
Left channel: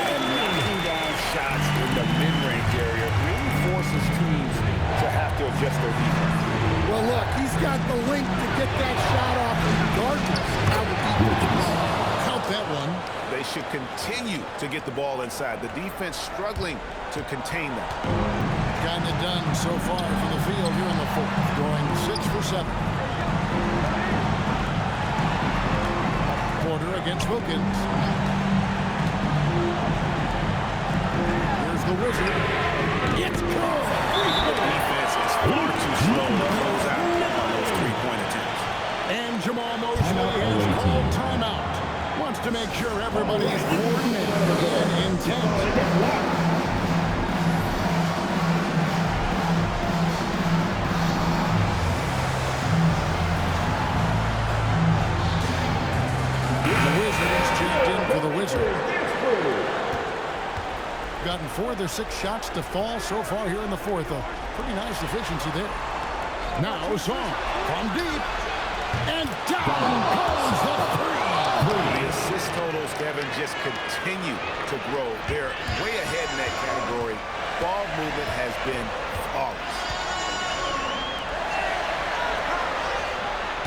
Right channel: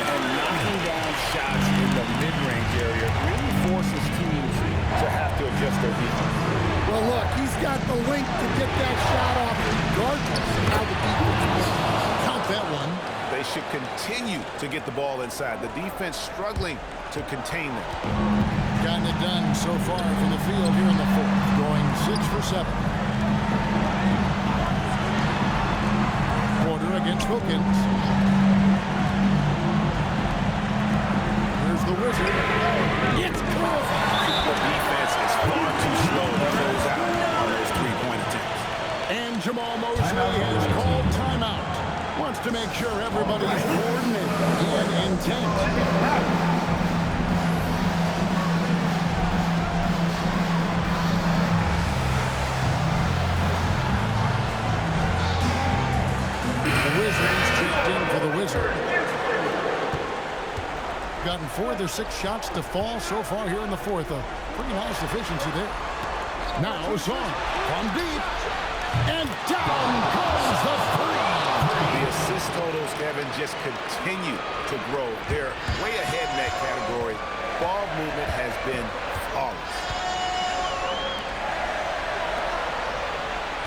And knocking down shots in the mid-range area really forces teams to have to adjust their defense. Well, look, he's got the link to get that shot off regardless of how the defense plays. Count that one. They should continue to get the ball inside. The defense struggling to contain them. Gotten it done so far from the field here in the fourth, going 6 for 7. Porter against Wilkins. Here's the Wizard. It's good. The defense is far too slow to close out on those three-point attempts. And Jamal Mosley has called timeout. Wants to make sure everybody's coordinated and intent. The Wizard is checked in for the Wizard. Gotten 4 of their 6 shots to fall so far here in the fourth. A pretty nice efficiency there. Now Song from deep. And down comes the three. The assist totals, Kevin, just continue to grow. They're way ahead in that category. Ball movement has been flawless.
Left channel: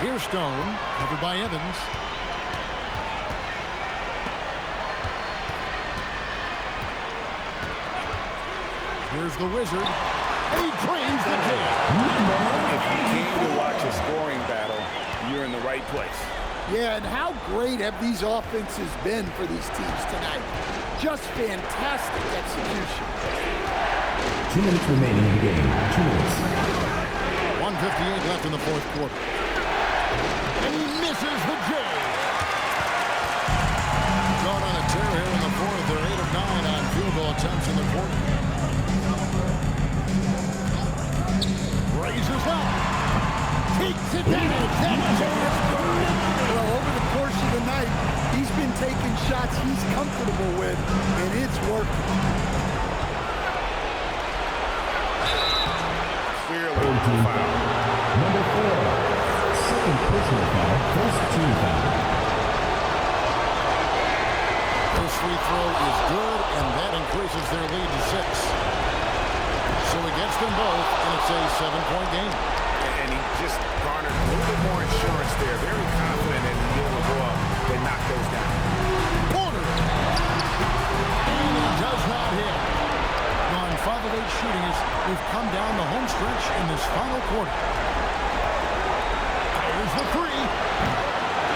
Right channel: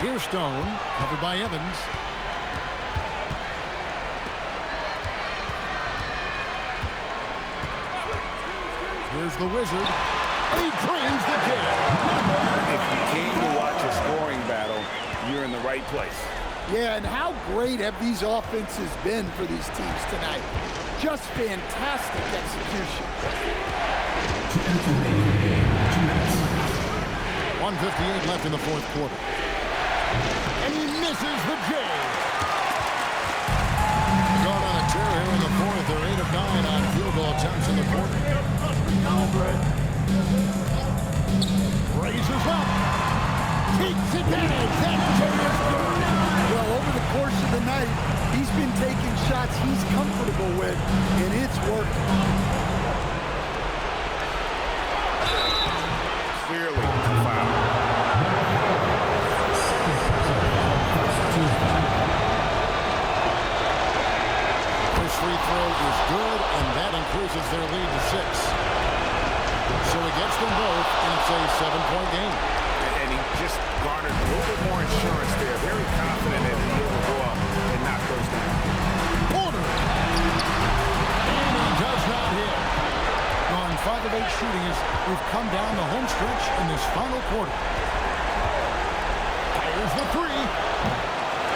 Here's Stone, covered by Evans. Here's the Wizard. He drains the jam. If you came to watch a scoring battle, you're in the right place. Yeah, and how great have these offenses been for these teams tonight? Just fantastic execution. 2 minutes remaining in the game. 2 minutes. 1:58 left in the fourth quarter. And he misses the J. Gone on a tear here in the fourth. They're 8 of 9 on field goal attempts in the quarter. Raises up. Takes advantage. That J is good. Well, over the course of the night, he's been taking shots he's comfortable with, and it's working. Clearly a foul. Number 4. Second personal foul. First team foul. First free throw is good, and that increases their lead to 6. So he gets them both, and it's a 7-point game. And he just garnered a little bit more insurance there. Very confident in being able to go up and knock those down. Porter. And he does not hit. Gone 5 of 8 shooting as we've come down the home stretch in this final quarter. Fires the three.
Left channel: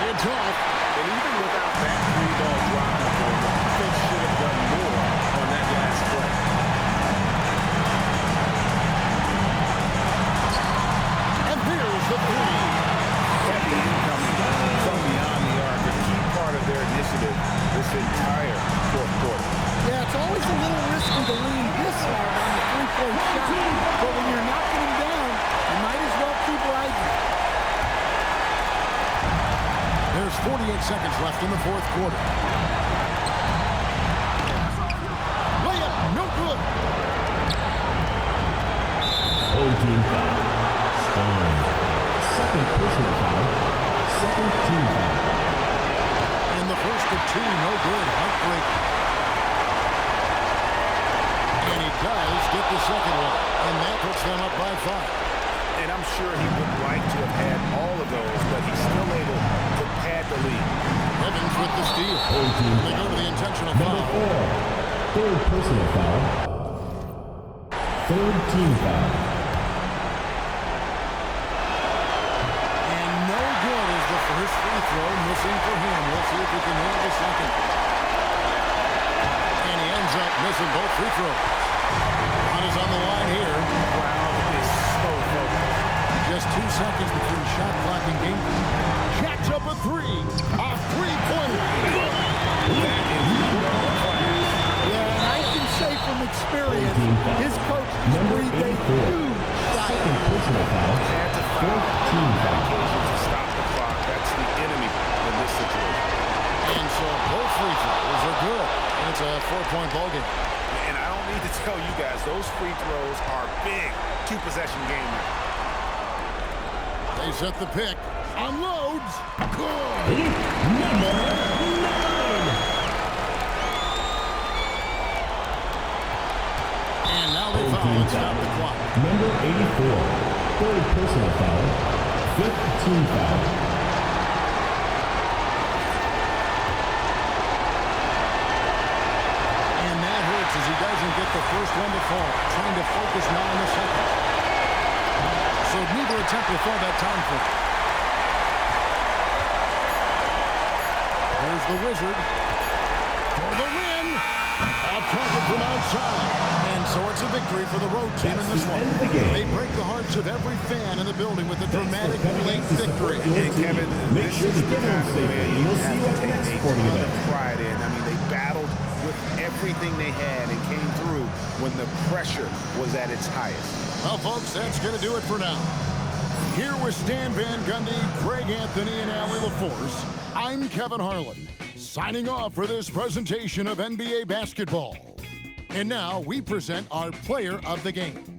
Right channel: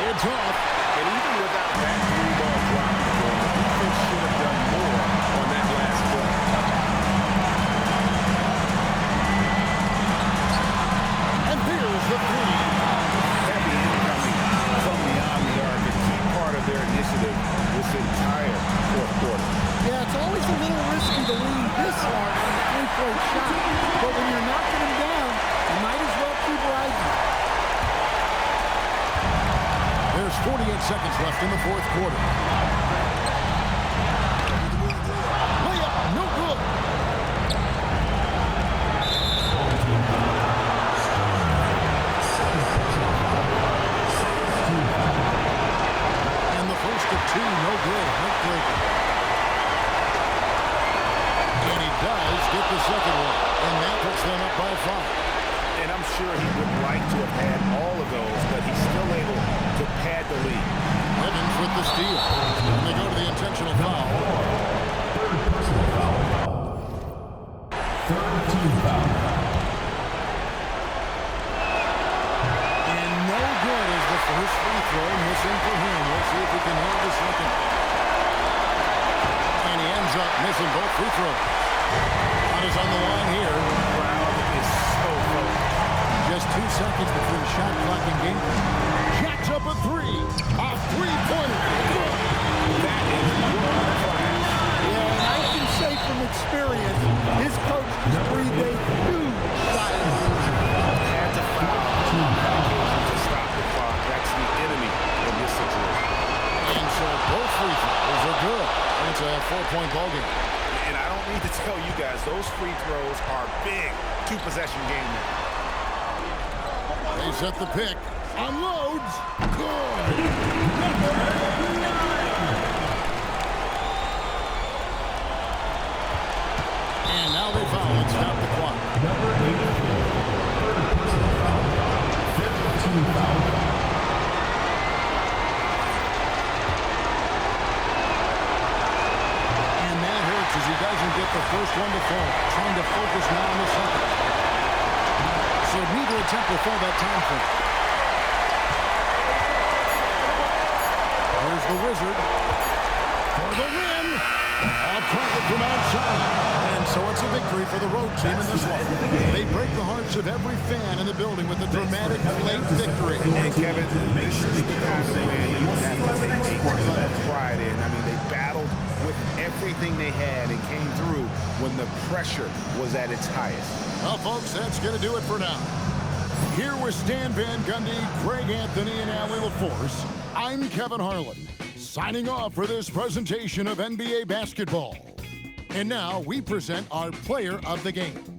It's off. And even without that three-ball dropping for him, the defense should have done more on that last play. And here's the three. Heavy incoming from beyond the arc, a key part of their initiative this entire fourth quarter. Yeah, it's always a little risky to lean this hard on the three-point shot, but when you're knocking him down, you might as well keep riding. There's 48 seconds left in the fourth quarter. Layup, no good. Old team foul. Stone. Second personal foul. Second team foul. And the first of 2, no good. Heartbreaker. And he does get the second one. And that puts them up by 5. And I'm sure he would like to have had all of those, but he's still able to pad the lead. Evans with the steal. And they go to the intentional foul. Third personal foul. Third team foul. And no good is the first free throw, missing for him. We'll see if he can handle the second. And he ends up missing both free throws. Shot is on the line here. Crowd is so focused. Just 2 seconds between shot clock and game. Jacks up a three. A three-pointer. Good. That is world class. Yeah, and I can say from experience, his coach just breathed a huge sigh of relief. Had to foul on that occasion to stop the clock. That's the enemy in this situation. And so both free throws are good. And it's a 4-point ball game. And I don't need to tell you guys, those free throws are big. 2-possession game there. They set the pick. Unloads. Good. Number 9. And now they foul and stop the clock. Number 84. Third personal foul. Fifth team foul. And that hurts as he doesn't get the first one to fall. Trying to focus now on the second. So neither attempt will fall that time for him. Here's the Wizard for the win. A target from outside. And so it's a victory for the road team in this one. They break the hearts of every fan in the building with a dramatic late victory. And Kevin, this is the kind of win you have to take a ton of pride in. I mean, they battled with everything they had and came through when the pressure was at its highest. Well, folks, that's going to do it for now. Here with Stan Van Gundy, Greg Anthony, and Allie LaForce, I'm Kevin Harlan, signing off for this presentation of NBA basketball. And now we present our player of the game.